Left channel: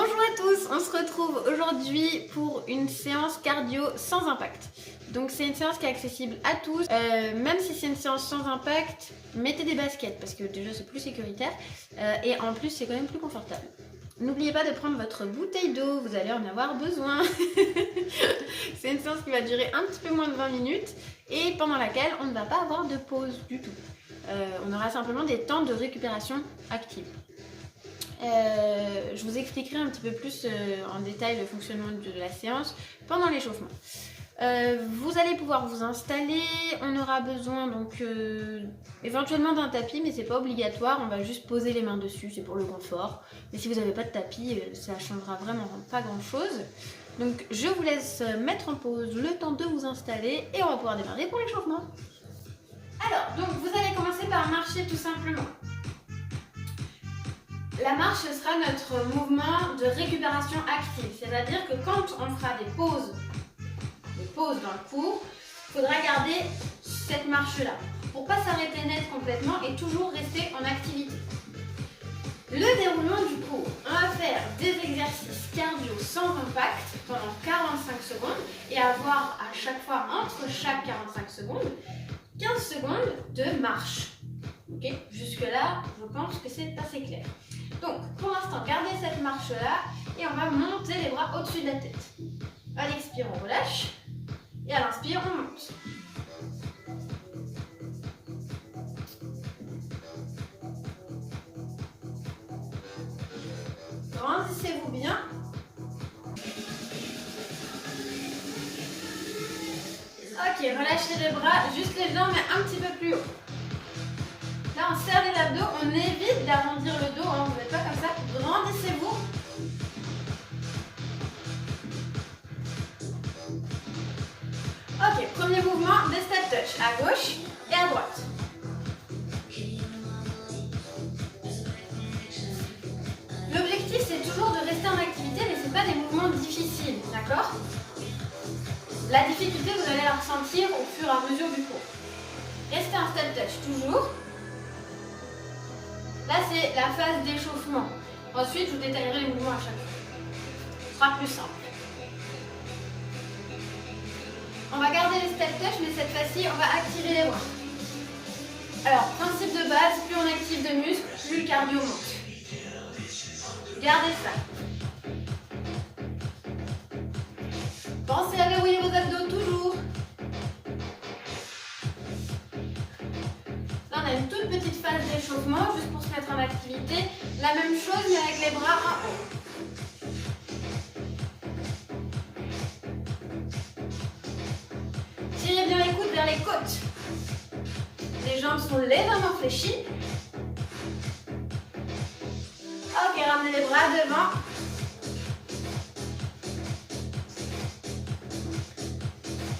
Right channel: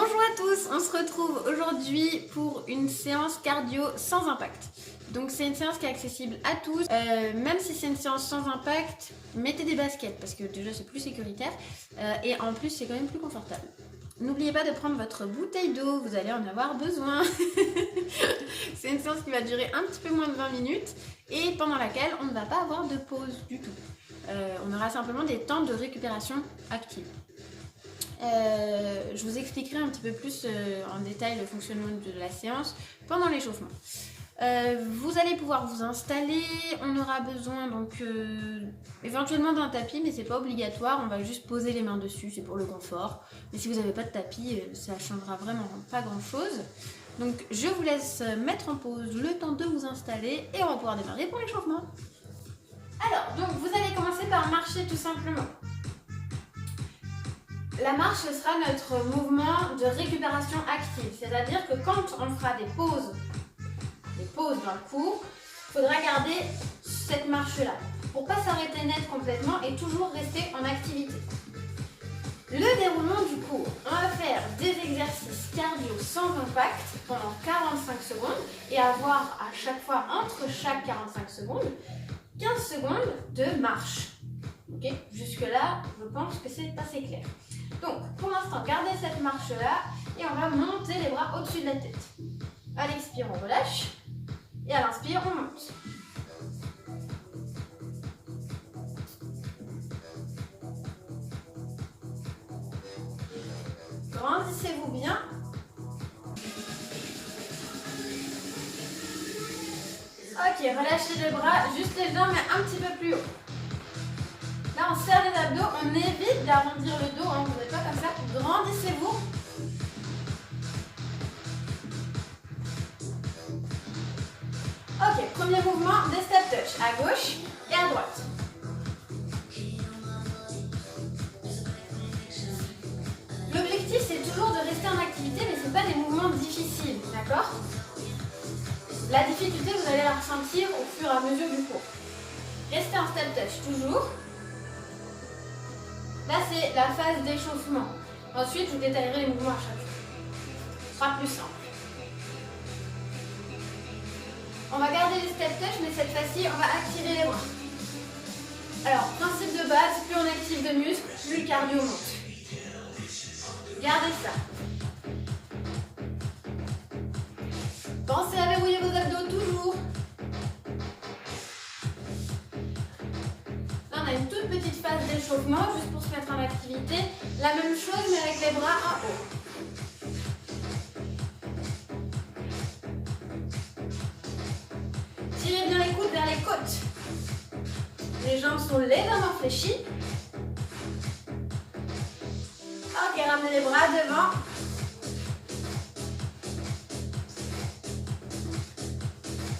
Bonjour à tous, on se retrouve aujourd'hui pour une séance cardio sans impact. Donc c'est une séance qui est accessible à tous, même si c'est une séance sans impact, mettez des baskets parce que déjà c'est plus sécuritaire et en plus c'est quand même plus confortable. N'oubliez pas de prendre votre bouteille d'eau, vous allez en avoir besoin. C'est une séance qui va durer un petit peu moins de 20 minutes et pendant laquelle on ne va pas avoir de pause du tout. On aura simplement des temps de récupération active. Je vous expliquerai un petit peu plus en détail le fonctionnement de la séance pendant l'échauffement. Vous allez pouvoir vous installer, on aura besoin donc éventuellement d'un tapis, mais c'est pas obligatoire, on va juste poser les mains dessus, c'est pour le confort. Mais si vous n'avez pas de tapis, ça changera vraiment pas grand chose. Donc je vous laisse mettre en pause le temps de vous installer et on va pouvoir démarrer pour l'échauffement. Alors, donc vous allez commencer par marcher tout simplement. La marche, ce sera notre mouvement de récupération active, c'est-à-dire que quand on fera des pauses dans le cours, il faudra garder cette marche-là pour ne pas s'arrêter net complètement et toujours rester en activité. Le déroulement du cours, on va faire des exercices cardio sans impact pendant 45 secondes et avoir à chaque fois, entre chaque 45 secondes, 15 secondes de marche. Ok, jusque-là, je pense que c'est assez clair. Donc, pour l'instant, gardez cette marche-là et on va monter les bras au-dessus de la tête. À l'expire, on relâche et à l'inspire, on monte. Grandissez-vous bien. Ok, relâchez les bras, juste les jambes, mais un petit peu plus haut. Là, on serre les abdos, on évite d'arrondir le dos, hein, vous n'êtes pas comme ça. Grandissez-vous. Ok, premier mouvement, des step touch à gauche et à droite. L'objectif, c'est toujours de rester en activité, mais ce n'est pas des mouvements difficiles, d'accord? La difficulté, vous allez la ressentir au fur et à mesure du cours. Restez en step touch, toujours. Là, c'est la phase d'échauffement. Ensuite, je vous détaillerai les mouvements à chaque fois. Ce sera plus simple. On va garder les step touch, mais cette fois-ci, on va activer les bras. Alors, principe de base, plus on active de muscles, plus le cardio monte. Gardez ça. Pensez à verrouiller vos abdos toujours. Là, on a une toute petite phase d'échauffement, juste pour se mettre en activité. La même chose, mais avec les bras en haut. Tirez bien les coudes vers les côtes. Les jambes sont légèrement fléchies. Ok, ramenez les bras devant.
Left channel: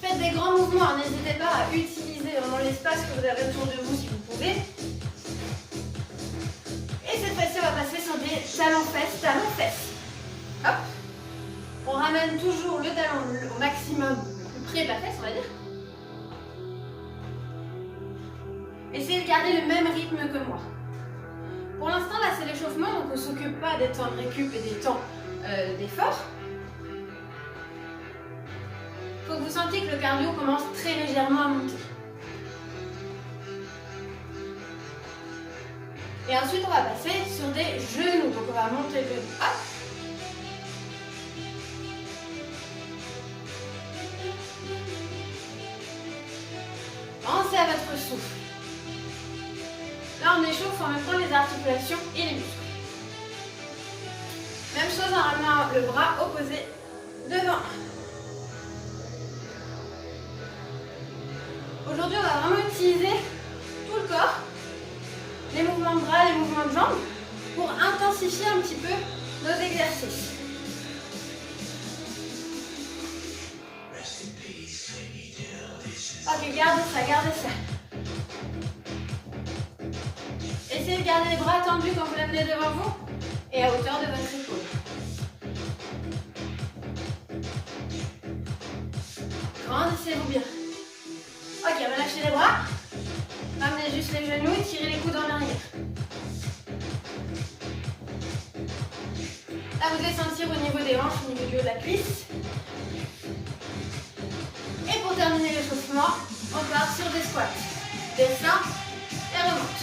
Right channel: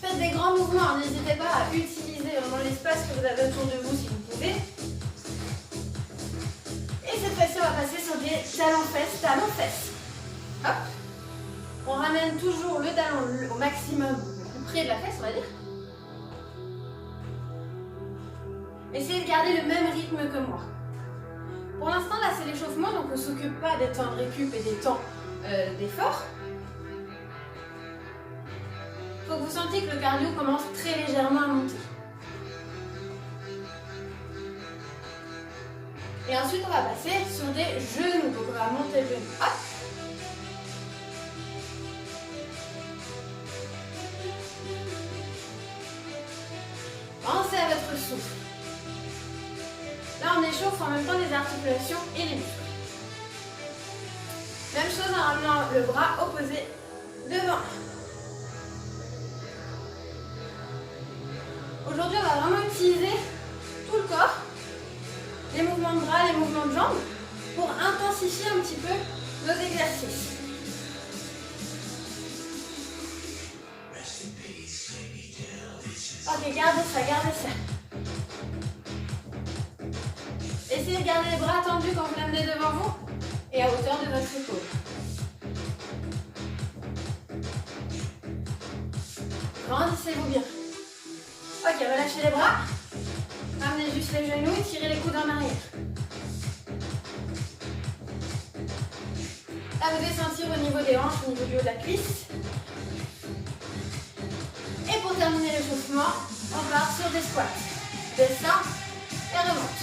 Faites des grands mouvements, n'hésitez pas à utiliser vraiment l'espace que vous avez autour de vous si vous pouvez. Et cette fois-ci, on va passer sur des talons-fesses, talons-fesses. Hop. On ramène toujours le talon au maximum, plus près de la fesse, on va dire. Essayez de garder le même rythme que moi. Pour l'instant, là, c'est l'échauffement, donc on ne s'occupe pas des temps de récup et des temps d'effort. Il faut que vous sentiez que le cardio commence très légèrement à monter. Et ensuite, on va passer sur des genoux. Donc, on va monter le genou. Hop. Pensez à votre souffle. Là, on échauffe en même temps les articulations et les muscles. Même chose en ramenant le bras opposé devant. Aujourd'hui, on va vraiment utiliser tout le corps, les mouvements de bras, les mouvements de jambes, pour intensifier un petit peu nos exercices. Ok, gardez ça, gardez ça. Essayez de garder les bras tendus quand vous l'amenez devant vous et à hauteur de votre épaule. Grandissez-vous bien. Ok, relâchez les bras. Ramenez juste les genoux et tirez les coudes en arrière. À vous de sentir au niveau des hanches, au niveau du haut de la cuisse. Et pour terminer l'échauffement, on part sur des squats. Descend et remonte.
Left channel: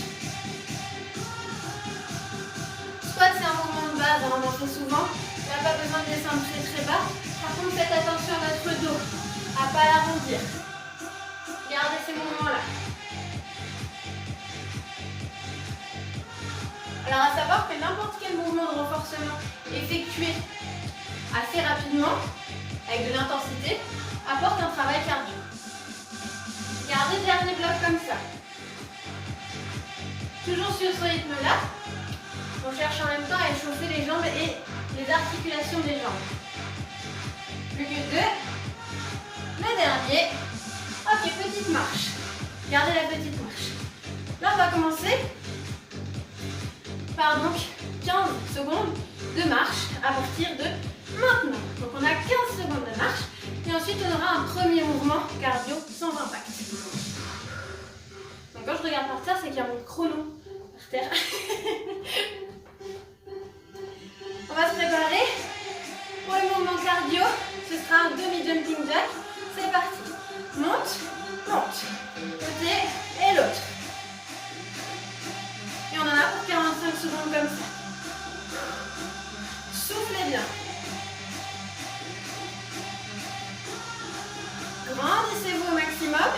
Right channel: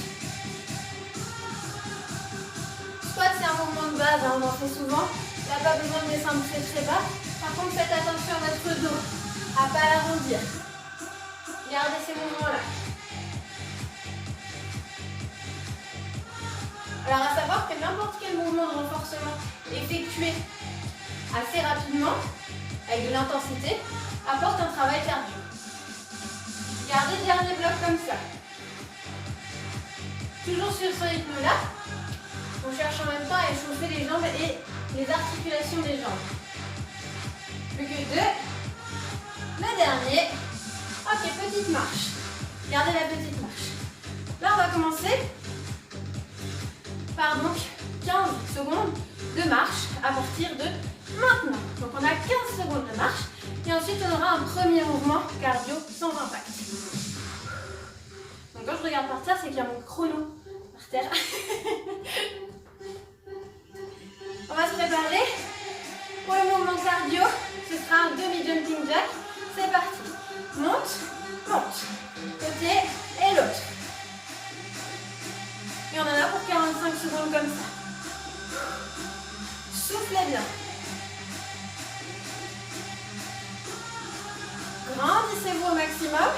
Squat, c'est un mouvement de base, on en fait souvent. Il n'y a pas besoin de descendre très très bas. Par contre, faites attention à votre dos, à ne pas l'arrondir. Gardez ces mouvements-là. Alors, à savoir que n'importe quel mouvement de renforcement effectué assez rapidement, avec de l'intensité, apporte un travail cardio. Gardez le dernier bloc comme ça. Toujours sur ce rythme-là, on cherche en même temps à échauffer les jambes et les articulations des jambes. Plus que 2. Le dernier. Ok, petite marche. Gardez la petite marche. Là, on va commencer par donc 15 secondes de marche à partir de maintenant. Donc, on a 15 secondes de marche. Et ensuite, on aura un premier mouvement cardio sans impact. Donc, quand je regarde par terre, c'est qu'il y a mon chrono par terre. On va se préparer pour le mouvement cardio. Ce sera un demi-jumping jack. C'est parti. Monte, monte. Côté et l'autre. Et on en a pour 45 secondes comme ça. Soufflez bien. Grandissez-vous au maximum.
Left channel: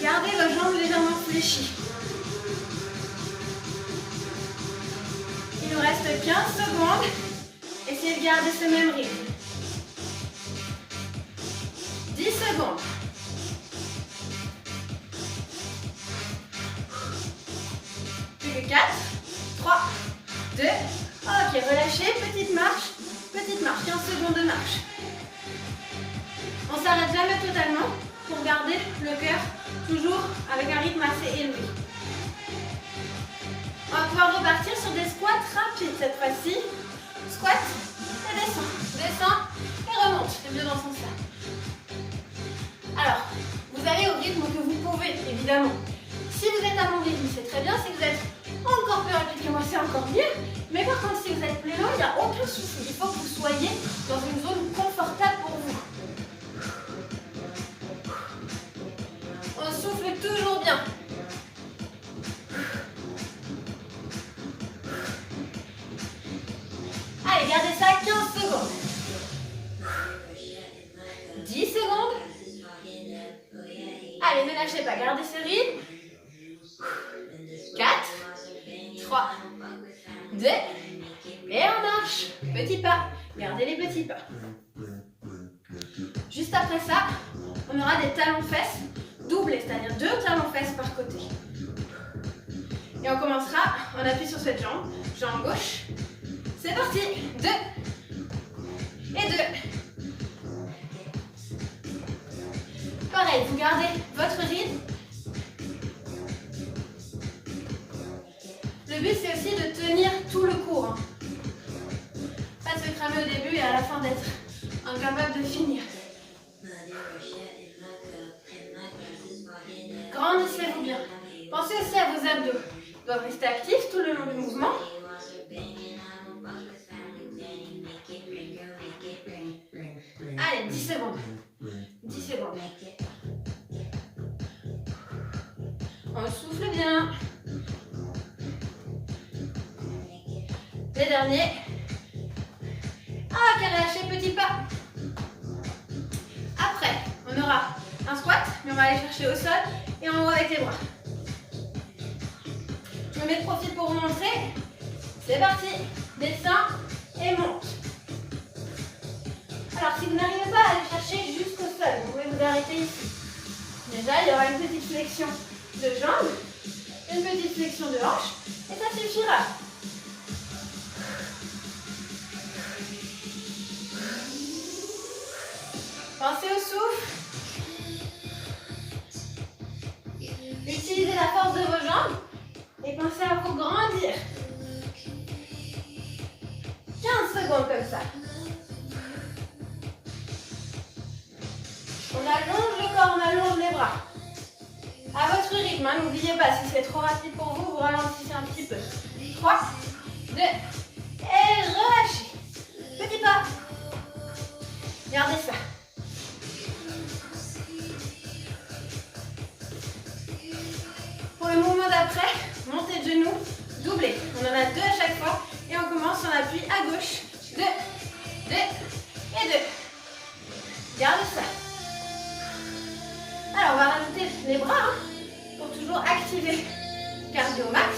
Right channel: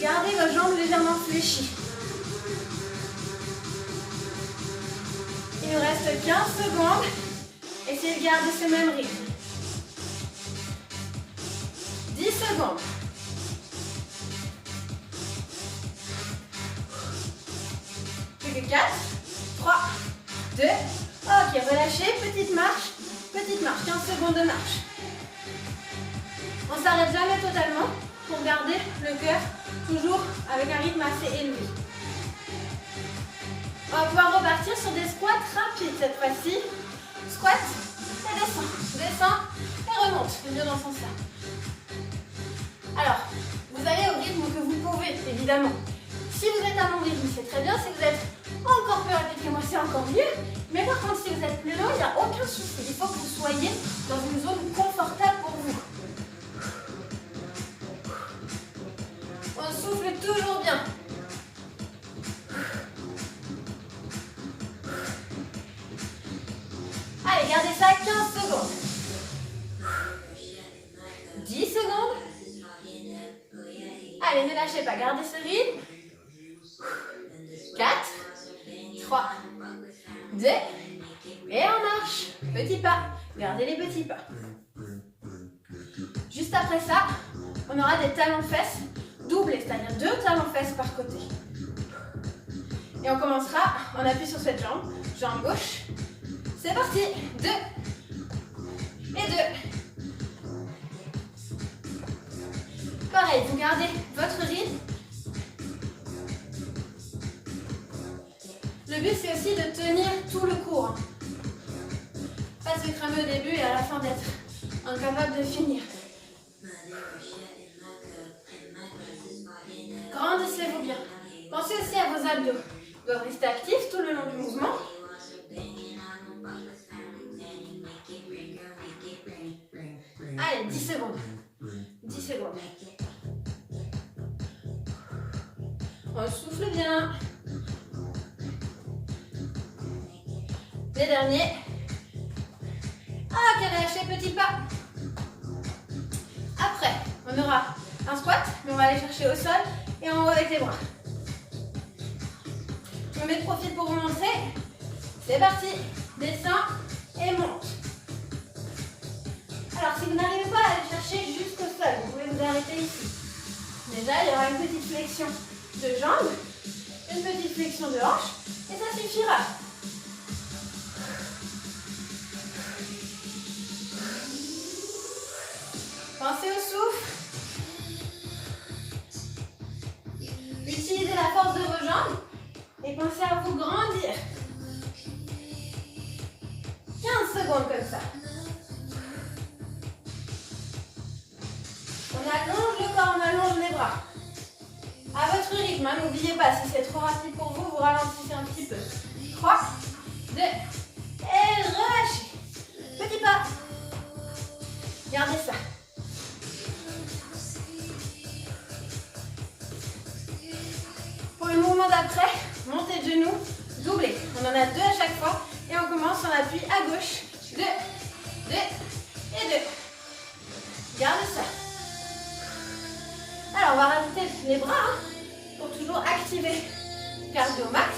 Gardez vos jambes légèrement fléchies. Il nous reste 15 secondes. Essayez de garder ce même rythme. 10 secondes. Plus que 4, 3, 2. Ok, relâchez. Petite marche. Petite marche. 15 secondes de marche. On ne s'arrête jamais totalement pour garder le cœur toujours avec un rythme assez élevé. On va pouvoir repartir sur des squats rapides cette fois-ci. Squat et descend. Descend et remonte. Les deux dans ce sens-là. Alors, vous allez au rythme que vous pouvez, évidemment. Si vous êtes à mon rythme, c'est très bien. Si vous êtes encore plus rapide que moi, c'est encore mieux. Mais par contre, si vous êtes plus lent, il n'y a aucun souci. Il faut que vous soyez dans une zone confortable pour vous. On souffle toujours bien. Allez, gardez ça 15 secondes. 10 secondes. Allez, ne lâchez pas, gardez ce rythme. 4, 3, 2, et on marche. Petits pas, gardez les petits pas. Juste après ça, on aura des talons-fesses doublés, c'est-à-dire 2 talons-fesses par côté. Et on commencera, on appuie sur cette jambe, jambe gauche. C'est parti, 2 et 2. Pareil, vous gardez votre rythme. Le but, c'est aussi de tenir tout le cours. Pas se cramer au début et à la fin d'être incapable de finir. Grandissez-vous bien. Pensez aussi à vos abdos. Ils doivent rester actifs tout le long du mouvement. Allez, 10 secondes. 10 secondes. On souffle bien. Les derniers. Ah, quel relâché, petit pas. Après, on aura un squat, mais on va aller chercher au sol et on va avec les bras. Je me mets de profil pour vous montrer. C'est parti. Descends et monte. Alors, si vous n'arrivez pas à aller chercher jusqu'au sol, vous pouvez vous arrêter ici. Déjà, il y aura une petite flexion de jambes, une petite flexion de hanche, et ça suffira. Pensez au souffle. Utilisez la force de vos jambes et pensez à vous grandir. 15 secondes comme ça. On allonge le corps, on allonge les bras. À votre rythme, hein, n'oubliez pas, si c'est trop rapide pour vous, vous ralentissez un petit peu. 3, 2, et relâchez. Petit pas. Gardez ça. Pour le mouvement d'après, montée de genoux, doublé. On en a 2 à chaque fois. Et on commence, on appuie à gauche. 2, 2 et 2. Gardez ça. Alors, on va rajouter les bras hein, pour toujours activer cardio max.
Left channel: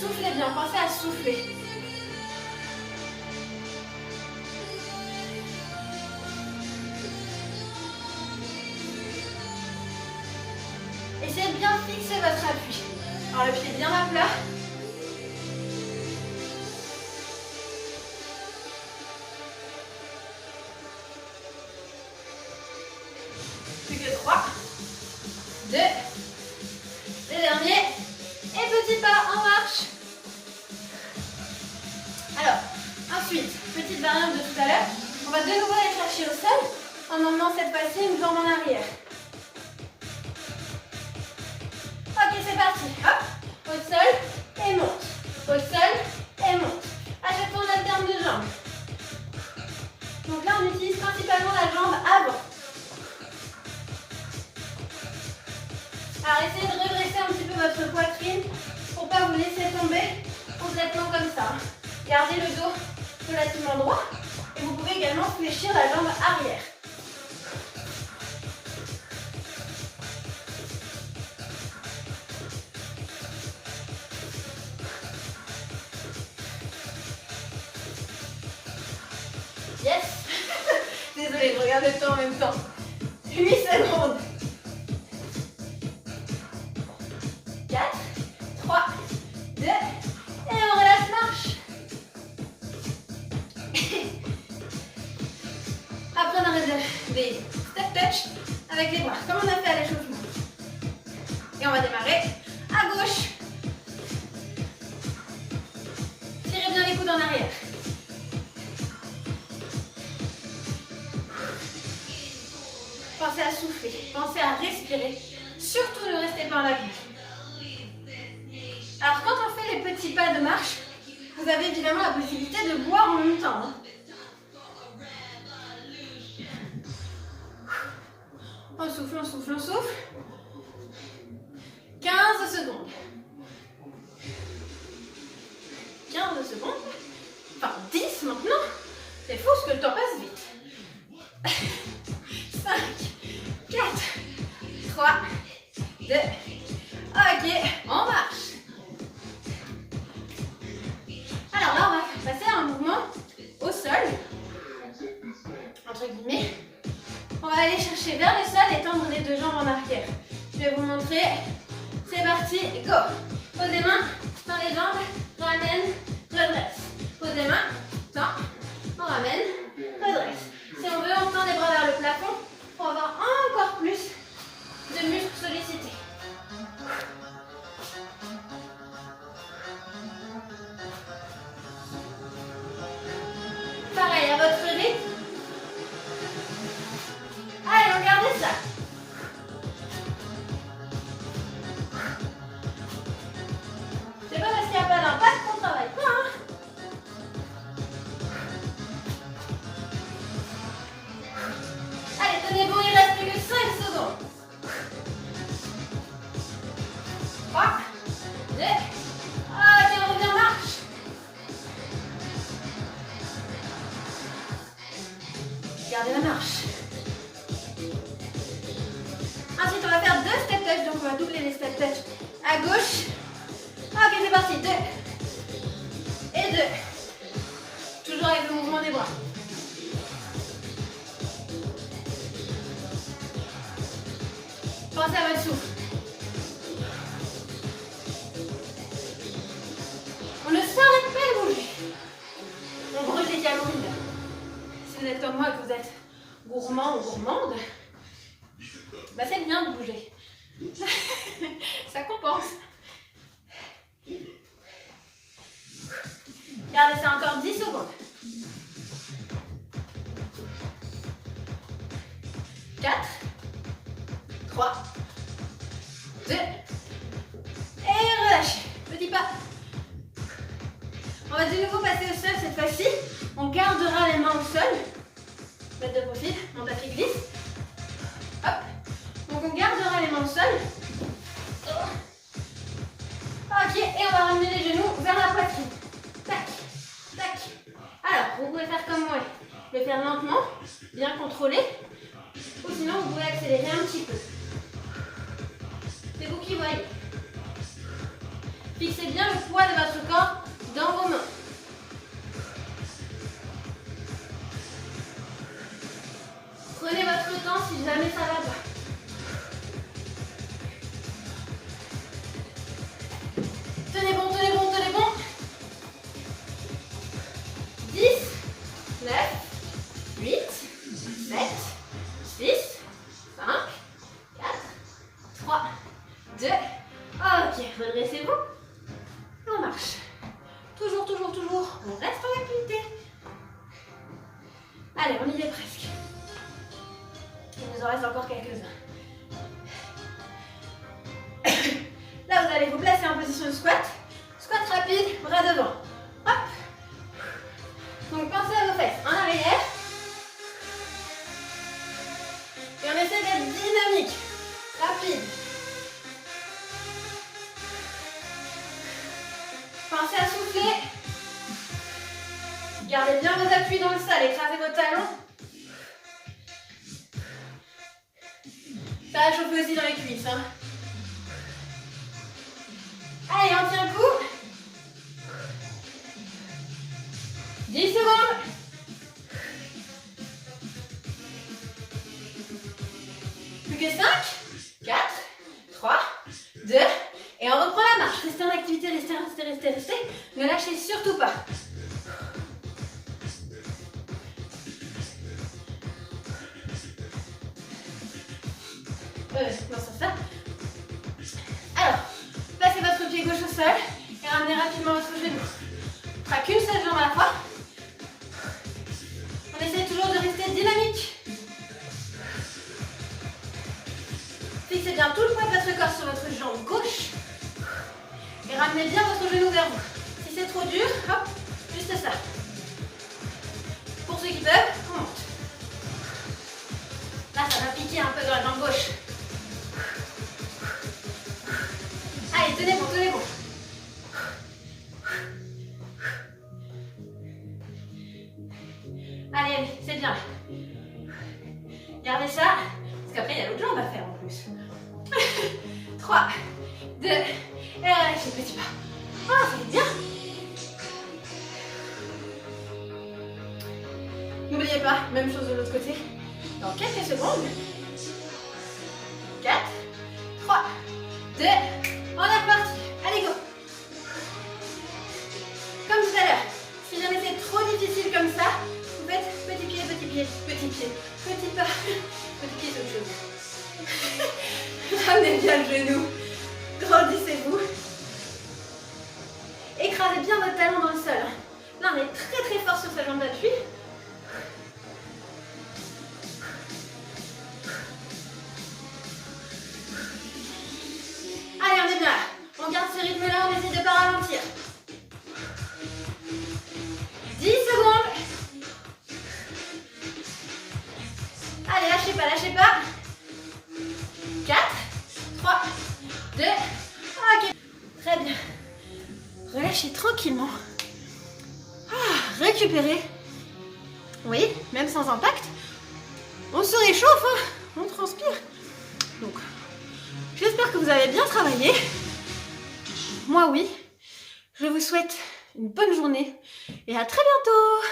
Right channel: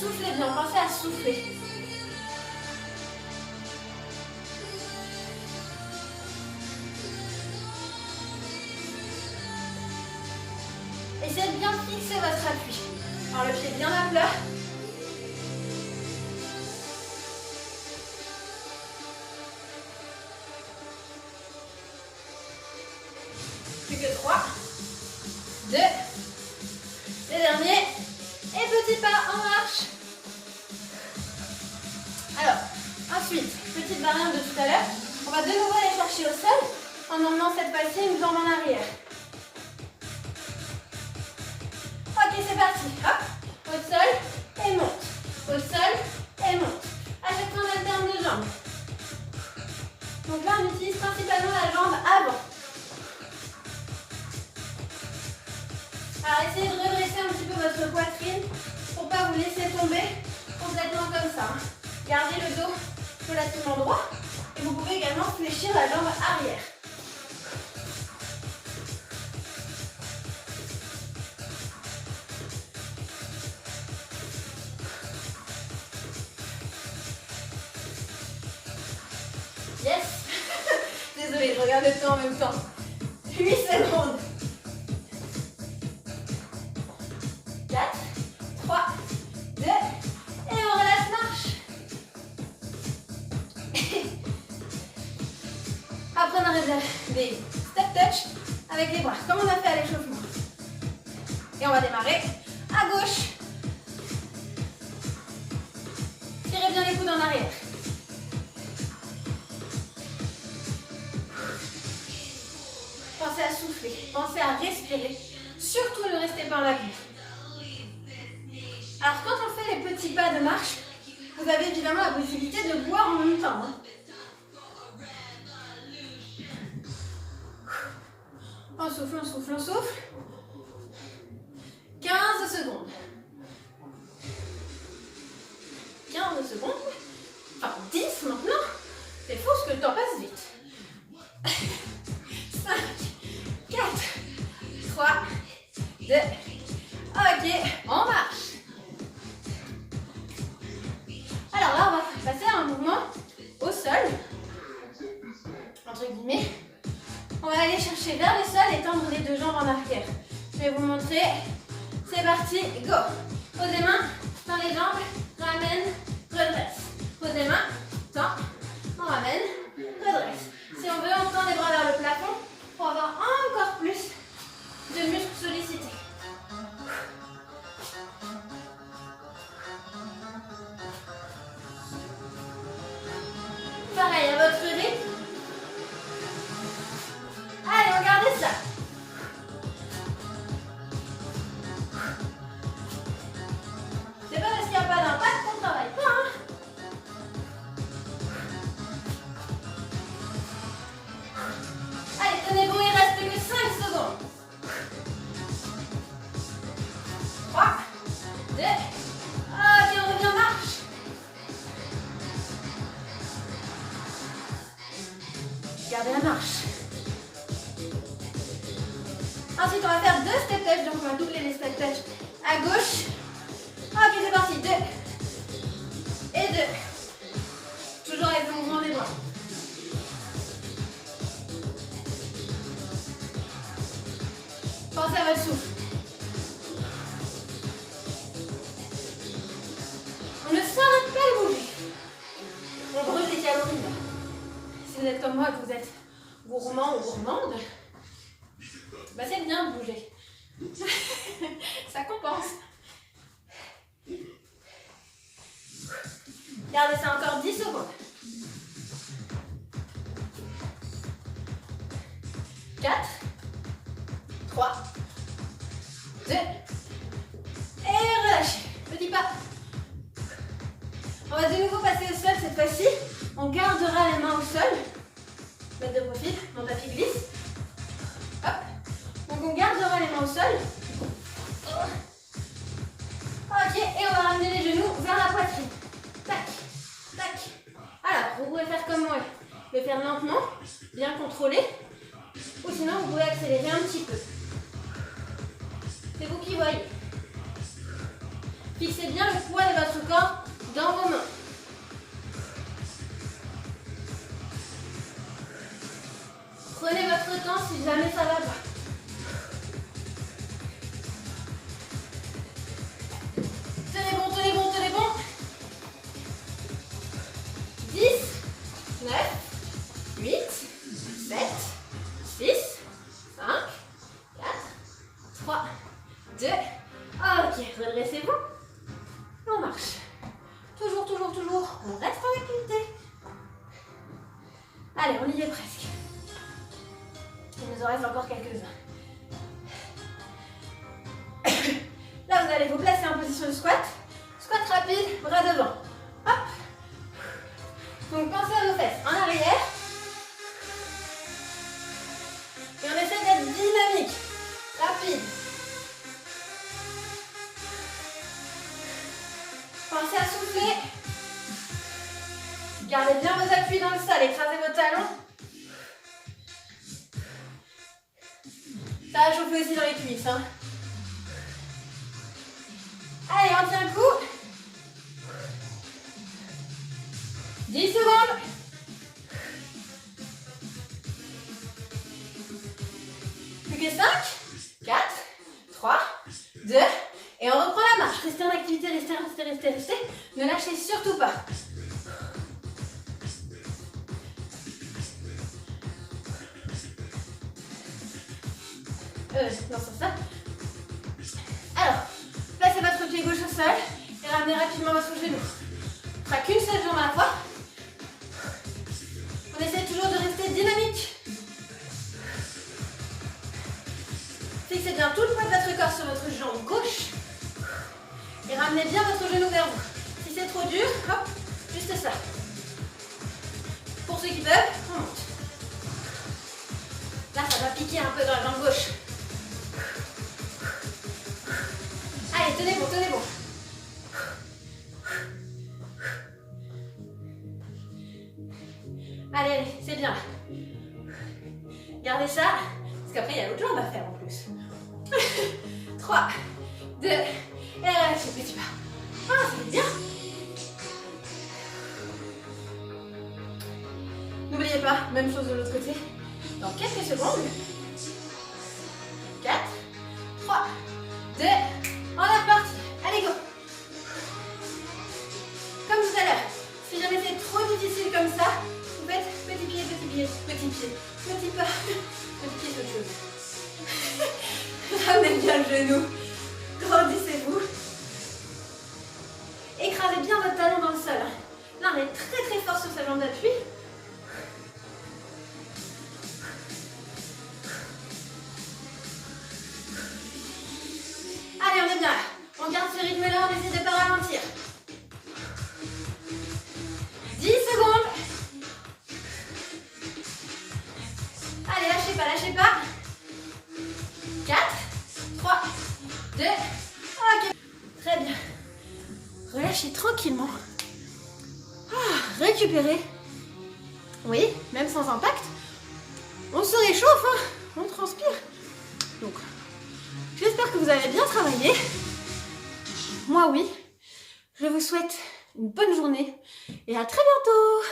Soufflez bien, pensez à souffler. Essayez de bien fixer votre appui. Alors le pied bien à plat. Plus que 3, 2, les derniers. Et petit pas en marche. Alors, ensuite, petite variante de tout à l'heure. On va de nouveau aller chercher au sol en emmenant cette fois-ci une jambe en arrière. Ok, c'est parti. Hop, au sol et monte. Au sol et monte. À chaque fois, on alterne de jambes. Donc là, on utilise principalement la jambe avant. Alors, essayez de redresser un petit peu votre poitrine pour ne pas vous laisser tomber complètement comme ça. Gardez le dos relativement droit et vous pouvez également fléchir la jambe arrière. Yes. Désolée, je regarde le temps en même temps. 8 secondes. 4, 3, 2, et on relâche marche. Après, on arrive des step touch avec les bras, comme on a fait à l'échauffement. Et on va démarrer à gauche. Tirez bien les coudes en arrière. Pensez à souffler, pensez à respirer. Surtout ne restez pas en appui. Alors quand on fait les petits pas de marche, vous avez évidemment la possibilité de boire en même temps. Hein. On souffle, on souffle, on souffle. 15 secondes. 15 secondes. Enfin 10 maintenant. C'est fou parce que le temps passe vite. 5, 4, 3, 2. Ok, on marche. Alors là, on va passer à un mouvement au sol, entre guillemets. On va aller chercher vers le sol et tendre les 2 jambes en arrière. Je vais vous montrer. C'est parti, go. Posez main, tend les jambes, ramène, redresse. Posez main, tend, on ramène, redresse. Si on veut, on tend les bras vers le plafond pour avoir encore plus de muscles sollicités. Pareil, à votre rythme. Allez, on garde ça. C'est pas parce qu'il n'y a pas d'impact qu'on travaille pas. Hein. Allez, tenez bon, il reste que 5 secondes. 3, 2, ok, on revient marche. Gardez la marche. Ensuite, on va faire 2 step touch, donc on va doubler les step touch à gauche. Ok, c'est parti. 2 et 2. Toujours avec le mouvement des bras. Pensez à votre souffle. On ne s'arrête pas de bouger. On brûle des calories là. Si vous êtes comme moi et que vous êtes gourmand ou gourmande, bah c'est bien de bouger. Ça compense. Gardez ça encore 10 secondes. sinon, vous pouvez accélérer un petit peu. C'est vous qui voyez. Fixez bien le poids de votre corps dans vos mains. Prenez votre temps si jamais ça va pas. Tenez bon, tenez bon, tenez bon. 10, 9, 8, 7, 6, 5, 4, 3, 2. Ok, redressez-vous. Et on marche. Toujours, toujours, toujours. On reste en activité. Allez, on y est presque. Il nous en reste encore quelques-uns. Là, vous allez vous placer en position de squat. Squat rapide, bras devant. Hop. Donc, pensez à vos fesses en arrière. Et on essaie d'être dynamique, rapide. Pensez à souffler. Gardez bien vos appuis dans le sol, écrasez vos talons. Ça va chauffer aussi dans les cuisses. Hein. Allez, on tient le coup. 10 secondes. Plus que 5, 4, 3, 2, et on reprend la marche. Restez en activité, restez, restez, restez, restez. Ne lâchez surtout pas. Non, ça. Alors, placez votre pied gauche au sol et ramenez rapidement votre genou. On fera qu'une seule jambe à la fois. On essaie toujours de rester dynamique. Fixez bien tout le poids de votre corps sur votre jambe gauche. Et ramenez bien votre genou vers vous. Si c'est trop dur, hop, juste ça. Pour ceux qui peuvent, on monte. Là, ça va piquer un peu dans la jambe gauche. Allez, tenez bon, tenez bon. Allez, allez, c'est bien. Gardez ça, parce qu'après, il y a l'autre jambe à faire en plus. 3, 2, et relâchez, petit pas. Ah, ça va bien. N'oubliez pas, même chose de l'autre côté. Dans quelques secondes. 4, 3, 2, on est reparti. Allez, go. Comme tout à l'heure, si jamais c'est trop difficile comme ça, vous faites petit pied, petit pied, petit pied, petit pas, petit pied, c'est autre chose. Ramenez bien le genou, grandissez-vous. Écrasez bien votre talon dans le sol. Là, on est très très fort sur sa jambe d'appui. Allez, on est bien là. On garde ce rythme-là, on essaie de ne pas ralentir. 10 secondes. Allez, lâchez pas, lâchez pas. 4, 3, 2, ok. Très bien. Relâchez tranquillement. Récupérez. Oui, même sans impact. On se réchauffe, hein. On transpire. Donc, j'espère que vous avez bien travaillé. Moi, oui. Je vous souhaite une bonne journée et à très bientôt.